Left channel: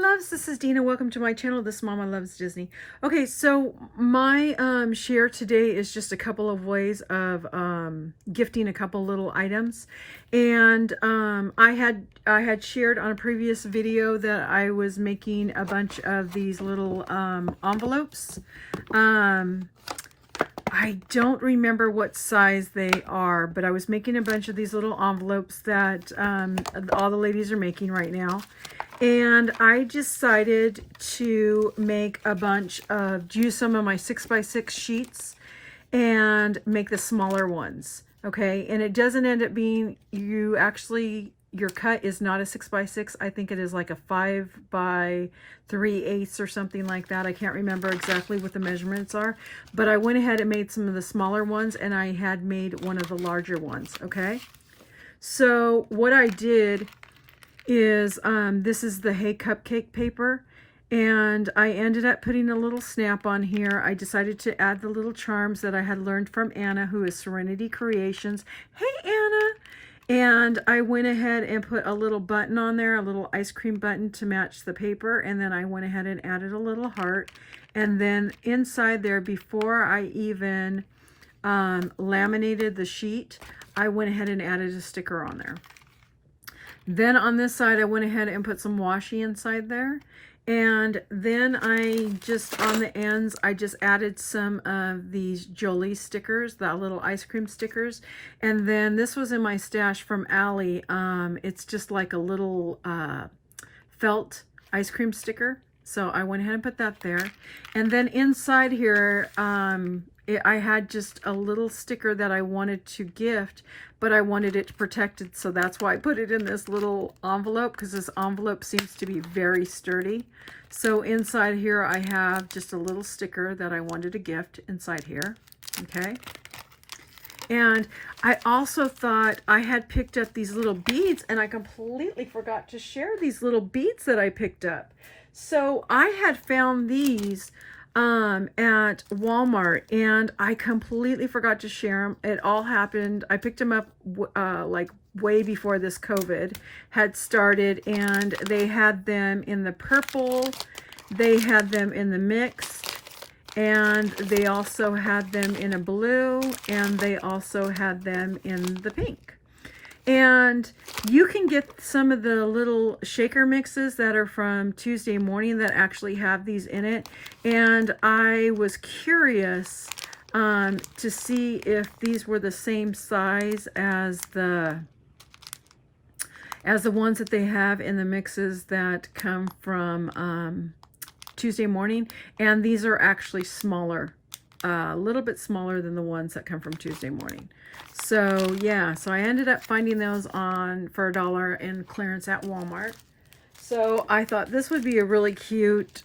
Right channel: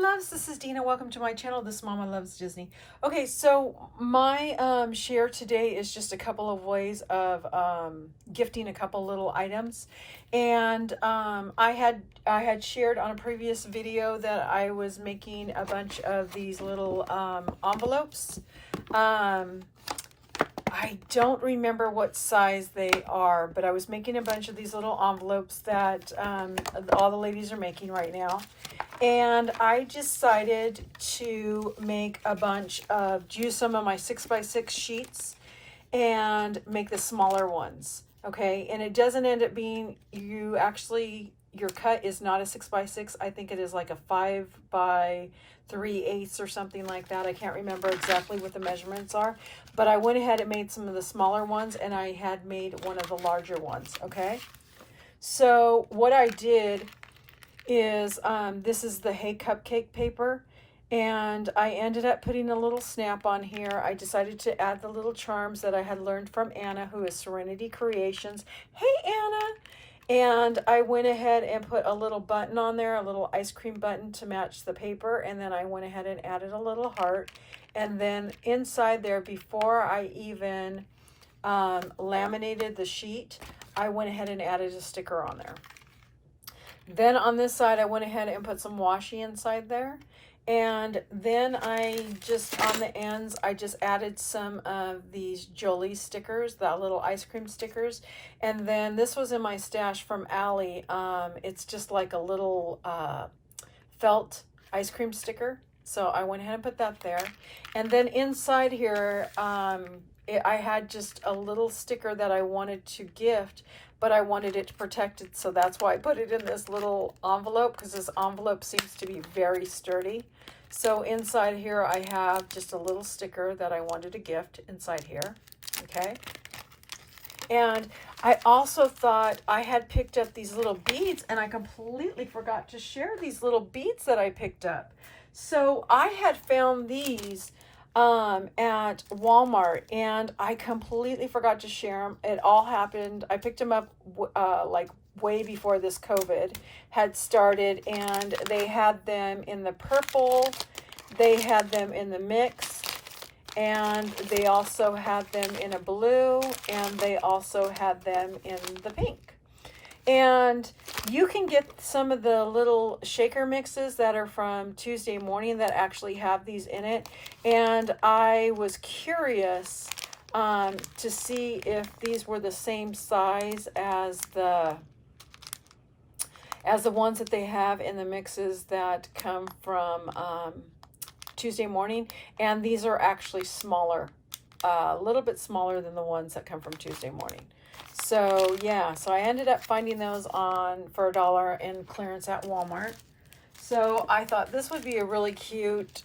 loves, this is Dina. Welcome to my channel. This Mama Loves Disney. Okay, so my share today is just a couple of ways of gifting a couple little items. And I had shared on a previous video that I was making a bunch of these little envelopes. I don't remember what size they are, but I was making a bunch of these little envelopes that all the ladies are making right now. And I decided to make a bunch of, use some of my 6x6 sheets and make the smaller ones. Okay, and it doesn't end up being, your cut is not a 6x6. I think it is like a 5x3/8 or something like that. I can't remember exactly what the measurements are, but I went ahead and made some of the smaller ones, and I had made one of the larger ones. Okay, so what I did is this is the Hey Cupcake paper, and I ended up putting a little snap on here. I decided to add the little charms that I had learned from Anna, who is Serenity Creations. Hey Anna! And I went ahead and put a little button on there, a little ice cream button to match the paper, and then I went ahead and added a little heart. And then inside there, before I even laminated the sheet, I went ahead and added a sticker on there. Then on this side, I went ahead and put some washi inside there. And then I just, on the ends, I just added some of these Jolie stickers, the little ice cream stickers. And then this was in my stash from Allie. It's just like a little felt ice cream sticker. So I went ahead and put that there. And then inside here, I had just a little sticker that I wanted to gift, but I wanted it protected, so that's why I put it in this little envelope, because this envelope seems to be very sturdy. So inside here I have just a little sticker that I wanted to gift inside here. Okay, and I also thought I had picked up these little beads, and I completely forgot to share these little beads that I picked up. So I had found these at Walmart, and I completely forgot to share them. It all happened, I picked them up like way before this COVID had started, and they had them in the purple, they had them in the mixed, and they also had them in a blue, and they also had them in the pink. And you can get some of the little shaker mixes that are from Tuesday Morning that actually have these in it. And I was curious to see if these were the same size as the ones that they have in the mixes that come from Tuesday Morning. And these are actually smaller, a little bit smaller than the ones that come from Tuesday Morning. So yeah, so I ended up finding those for $1 in clearance at Walmart. So I thought this would be a really cute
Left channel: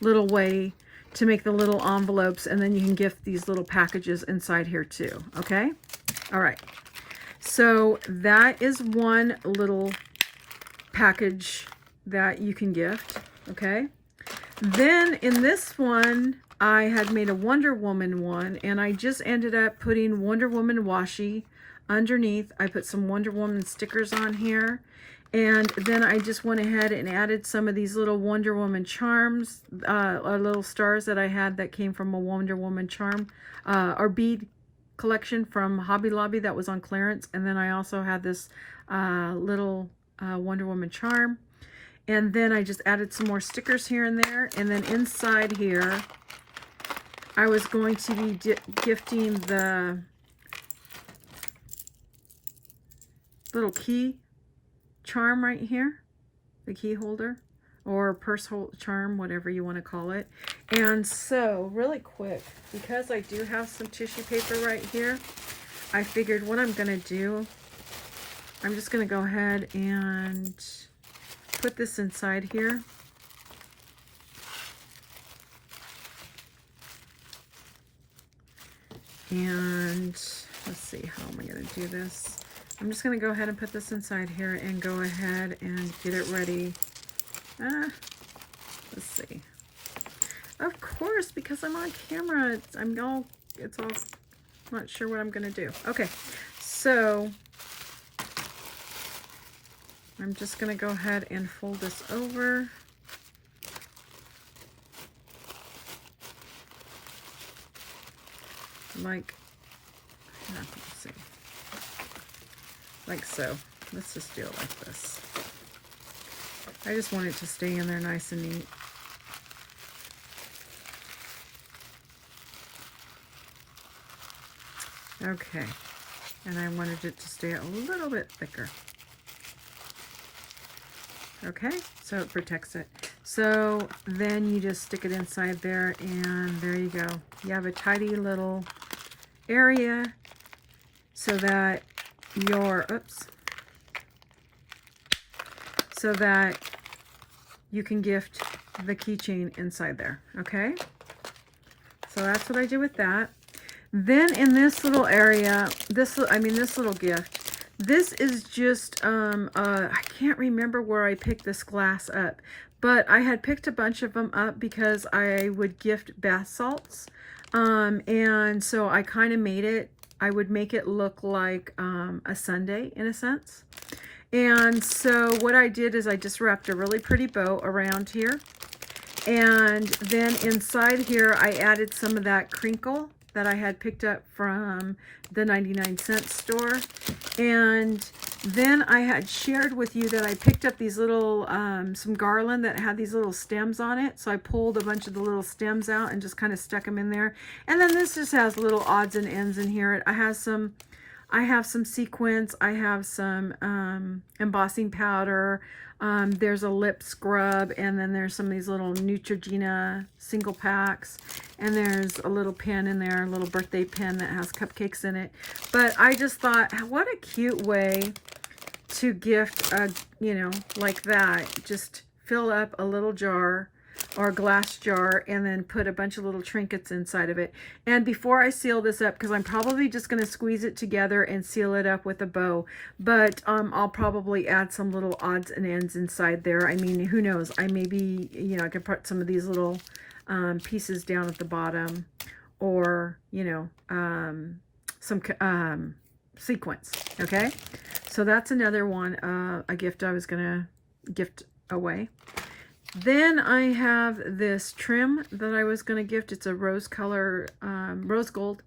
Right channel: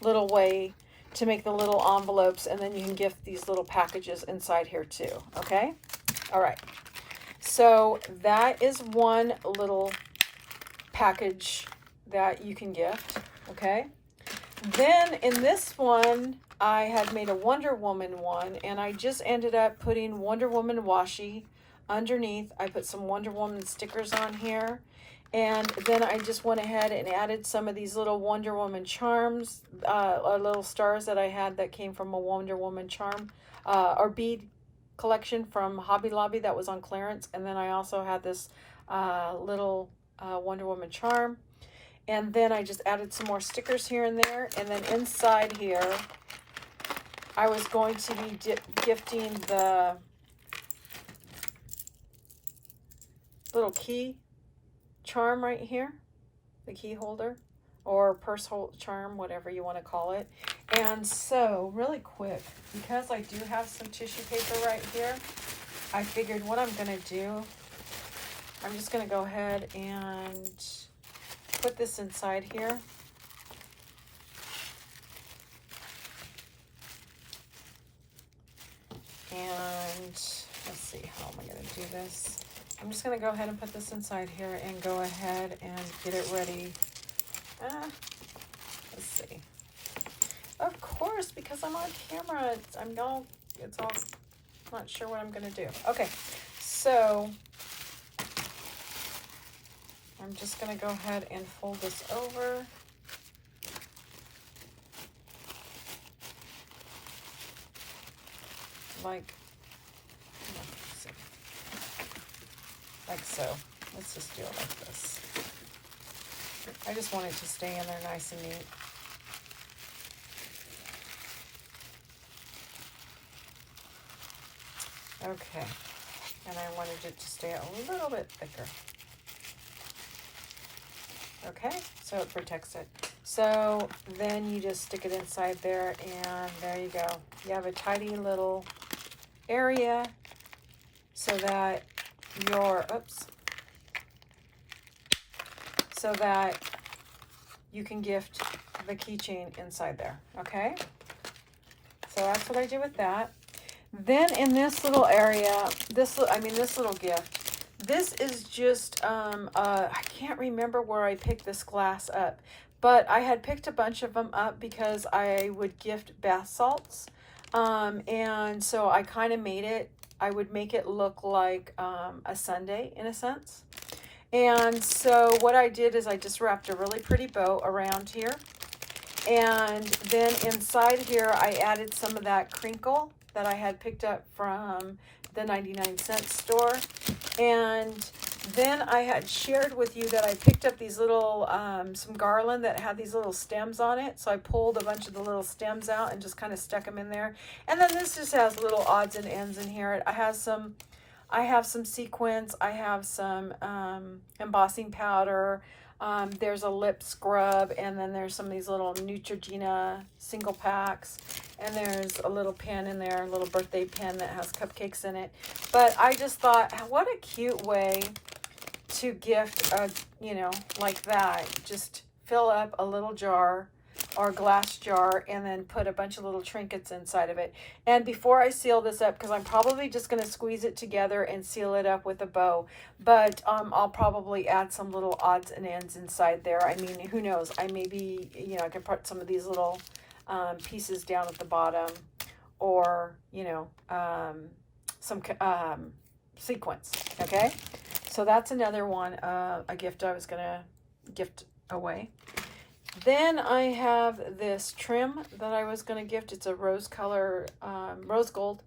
little way to make the little envelopes, and then you can gift these little packages inside here too. Okay, all right, so that is one little package that you can gift. Okay, then in this one I had made a Wonder Woman one, and I just ended up putting Wonder Woman washi underneath. I put some Wonder Woman stickers on here, and then I just went ahead and added some of these little Wonder Woman charms, or little stars that I had that came from a Wonder Woman charm or bead collection from Hobby Lobby that was on clearance. And then I also had this little Wonder Woman charm. And then I just added some more stickers here and there. And then inside here, I was going to be gifting the little key charm right here, the key holder or purse charm, whatever you want to call it. And so really quick, because I do have some tissue paper right here, I figured what I'm going to do, I'm just going to go ahead and put this inside here. And let's see, how am I going to do this? I'm just going to go ahead and put this inside here and go ahead and get it ready. Let's see. Of course, because I'm on camera, I'm not sure what I'm going to do. Okay, so I'm just going to go ahead and fold this over. like, let's see, like so. Let's just do it like this. I just want it to stay in there nice and neat. Okay, and I wanted it to stay a little bit thicker. Okay, so it protects it. So then you just stick it inside there, and there you go. You have a tidy little area so that your, so that you can gift the keychain inside there, okay? So that's what I did with that. Then in this little area, this little gift, this is just, I can't remember where I picked this glass up, but I had picked a bunch of them up because I would gift bath salts. And so I kind of made it, I would make it look like a sundae in a sense. And so what I did is I just wrapped a really pretty bow around here. And then inside here, I added some of that crinkle that I had picked up from the 99-cent store. And then I had shared with you that I picked up these little, some garland that had these little stems on it. So I pulled a bunch of the little stems out and just kind of stuck them in there. And then this just has little odds and ends in here. I have some sequins. I have some embossing powder. There's a lip scrub, and then there's some of these little Neutrogena single packs, and there's a little pen in there, a little birthday pen that has cupcakes in it. But I just thought, what a cute way to gift, you know, like that. Just fill up a little jar or glass jar and then put a bunch of little trinkets inside of it. And before I seal this up, because I'm probably just going to squeeze it together and seal it up with a bow, but I'll probably add some little odds and ends inside there. I mean, who knows? I maybe, you know, I could put some of these little pieces down at the bottom, or, you know, some sequins. Okay, so that's another one, a gift I was going to gift away. Then I have this trim that I was going to gift. It's a rose gold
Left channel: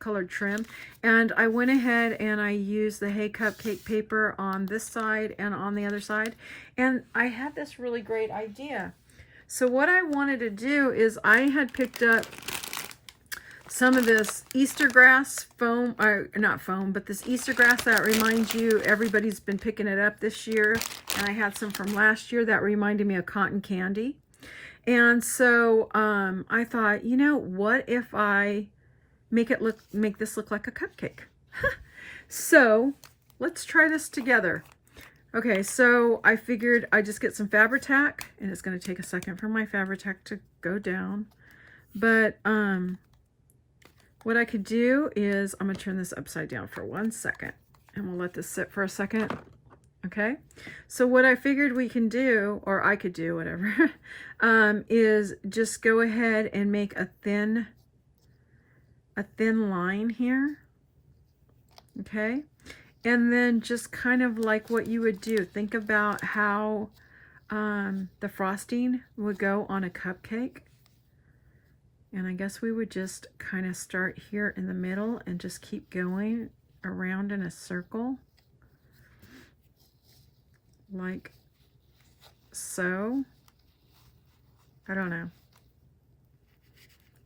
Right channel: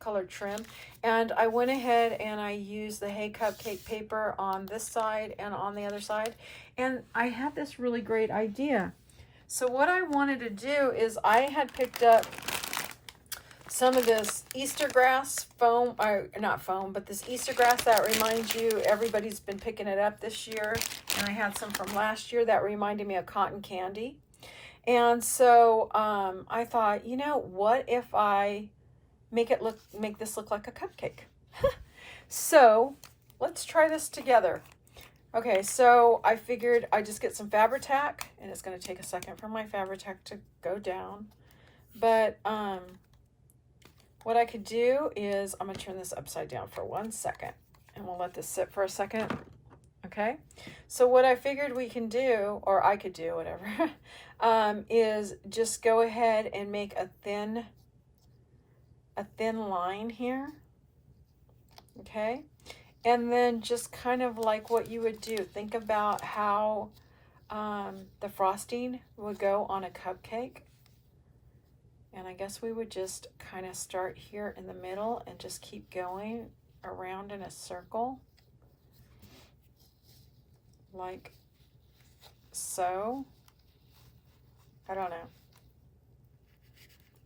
colored trim. And I went ahead and I used the Hey Cupcake paper on this side and on the other side. And I had this really great idea. So what I wanted to do is I had picked up some of this Easter grass foam, or not foam, but this Easter grass that reminds you everybody's been picking it up this year. And I had some from last year that reminded me of cotton candy. And so I thought, you know, what if I make this look like a cupcake? So let's try this together. Okay, so I figured I'd just get some Fabri-Tac, and it's going to take a second for my Fabri-Tac to go down. But what I could do is, I'm going to turn this upside down for 1 second, and we'll let this sit for a second. Okay, so what I figured we can do, or I could do, whatever, is just go ahead and make a thin line here. Okay, and then just kind of like what you would do. Think about how the frosting would go on a cupcake. And I guess we would just kind of start here in the middle and just keep going around in a circle. Like so. I don't know.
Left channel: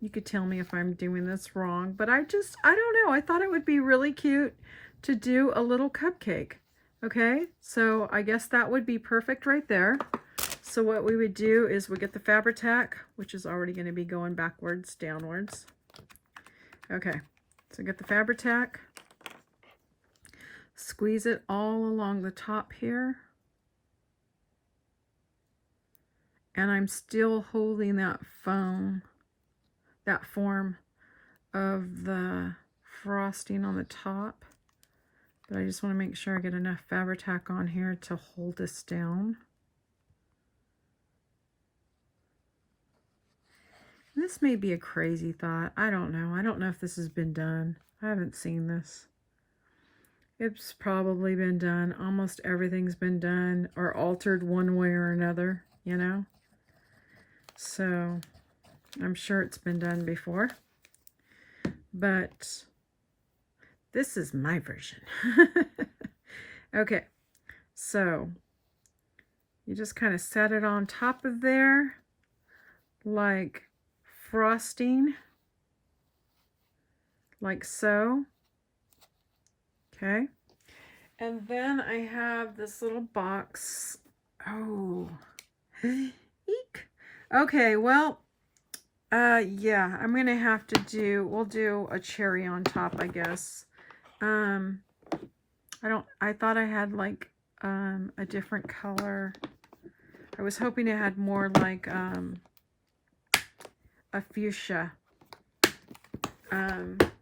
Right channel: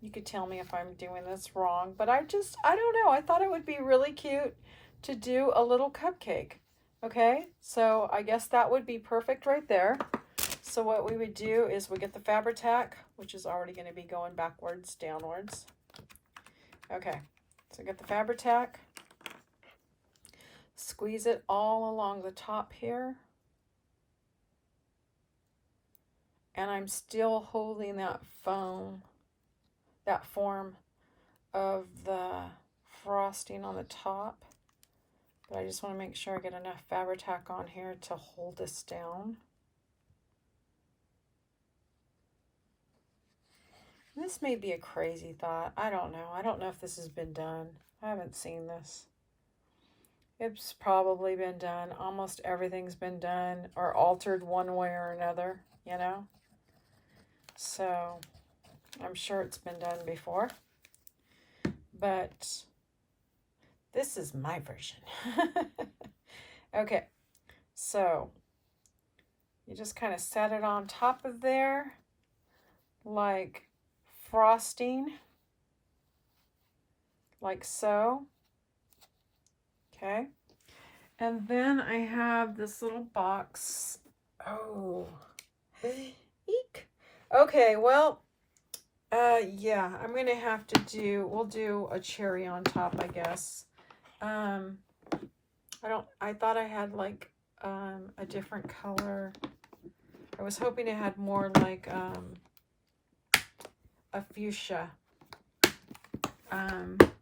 You could tell me if I'm doing this wrong, but I don't know. I thought it would be really cute to do a little cupcake. Okay, so I guess that would be perfect right there. So what we would do is we get the Fabri-Tac, which is already going to be going backwards, downwards. Okay, so get the Fabri-Tac, squeeze it all along the top here. And I'm still holding that form of the frosting on the top. But I just want to make sure I get enough Fabri-Tac on here to hold this down. This may be a crazy thought. I don't know. I don't know if this has been done. I haven't seen this. It's probably been done. Almost everything's been done or altered one way or another, you know? So I'm sure it's been done before. but this is my version. Okay, so you just kind of set it on top of there like frosting, like so. Okay, and then I have this little box. Oh, eek. Okay, well, yeah, I'm gonna have to do, we'll do a cherry on top, I guess. I thought I had like a different color. I was hoping it had more like a fuchsia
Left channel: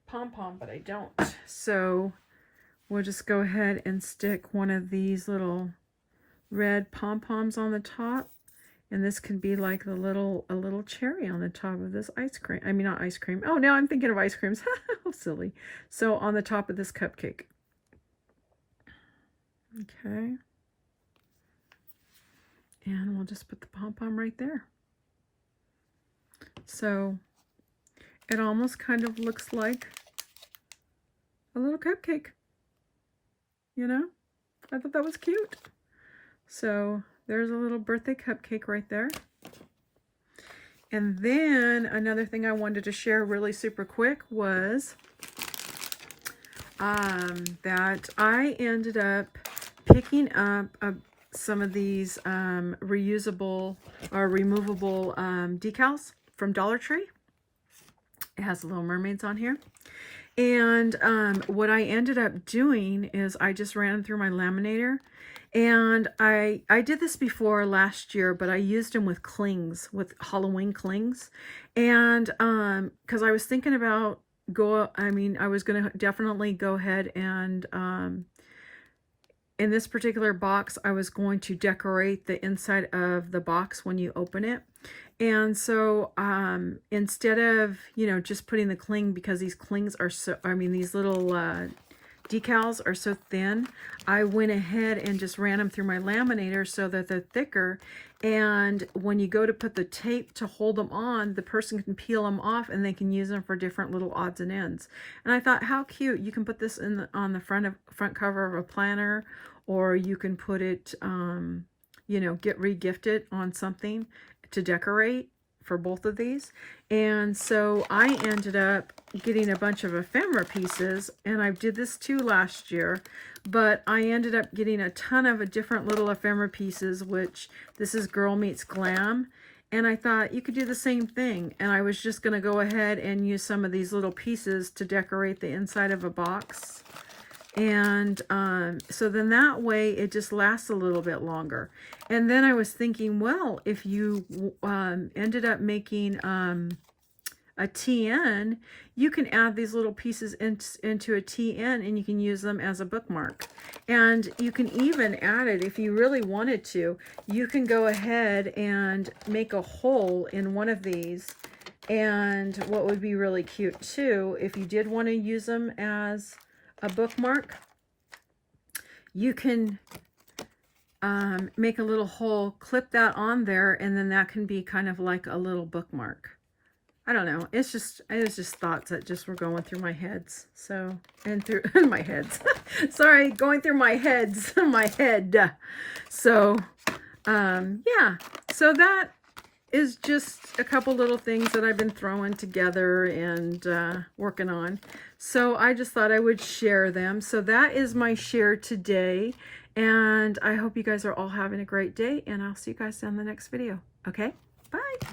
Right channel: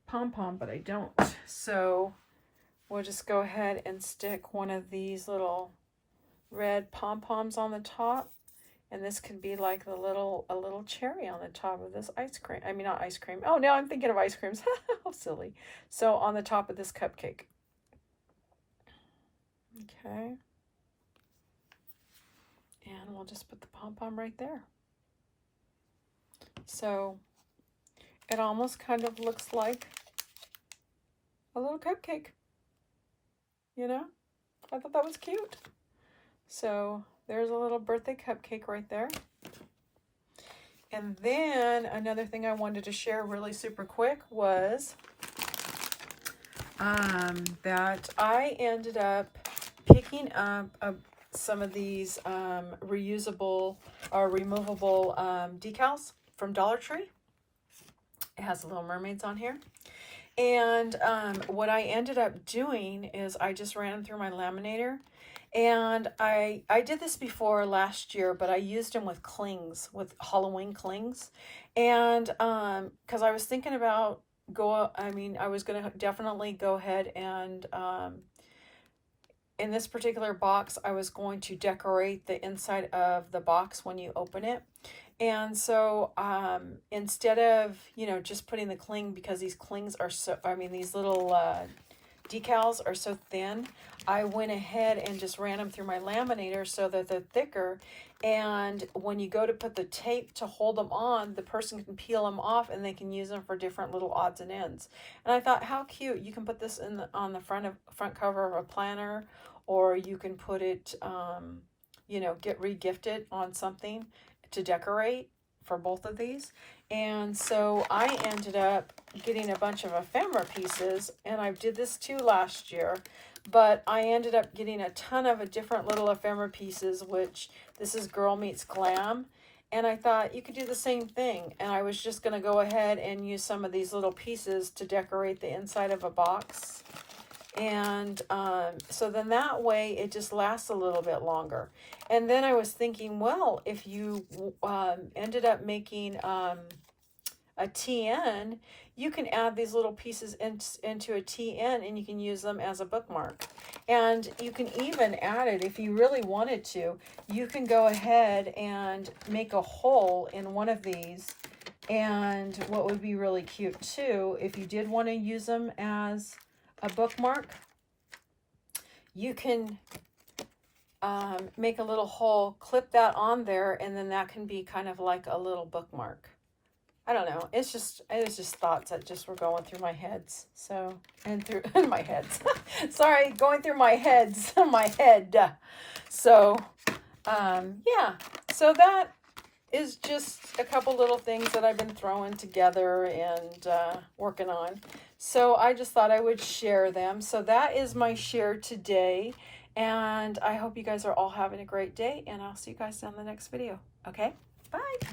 pom-pom, but I don't. So we'll just go ahead and stick one of these little red pom-poms on the top, and this could be like a little cherry on the top of this ice cream. I mean, not ice cream. Oh, now I'm thinking of ice creams. How silly. So on the top of this cupcake. Okay. And we'll just put the pom-pom right there. So it almost kind of looks like a little cupcake. You know? I thought that was cute. So there's a little birthday cupcake right there. And then another thing I wanted to share really super quick was that I ended up picking up some of these reusable or removable decals from Dollar Tree. It has the Little Mermaids on here. And what I ended up doing is I just ran them through my laminator. And I did this before last year, but I used them with clings, with Halloween clings. And because I was thinking about I was going to definitely go ahead and in this particular box, I was going to decorate the inside of the box when you open it. And so instead of, just putting the cling, because these clings are so, these little decals are so thin, I went ahead and just ran them through my laminator so that they're thicker. And when you go to put the tape to hold them on, the person can peel them off and they can use them for different little odds and ends. And I thought, how cute. You can put this on the front cover of a planner, or you can put it, get re-gifted on something to decorate for both of these. And so I ended up getting a bunch of ephemera pieces, and I did this too last year, but I ended up getting a ton of different little ephemera pieces, which this is Girl Meets Glam. And I thought you could do the same thing. And I was just going to go ahead and use some of these little pieces to decorate the inside of a box. And so then that way it just lasts a little bit longer. And then I was thinking, well, if you ended up making a TN, you can add these little pieces into a TN and you can use them as a bookmark. And you can even add it, if you really wanted to, you can go ahead and make a hole in one of these. And what would be really cute too, if you did want to use them as a bookmark, you can make a little hole, clip that on there, and then that can be kind of like a little bookmark. I don't know. It was just thoughts that just were going through my heads. So, and through my heads. Sorry, going through my heads, my head. So, yeah. So that is just a couple little things that I've been throwing together and working on. So I just thought I would share them. So that is my share today. And I hope you guys are all having a great day. And I'll see you guys in the next video. Okay? Bye.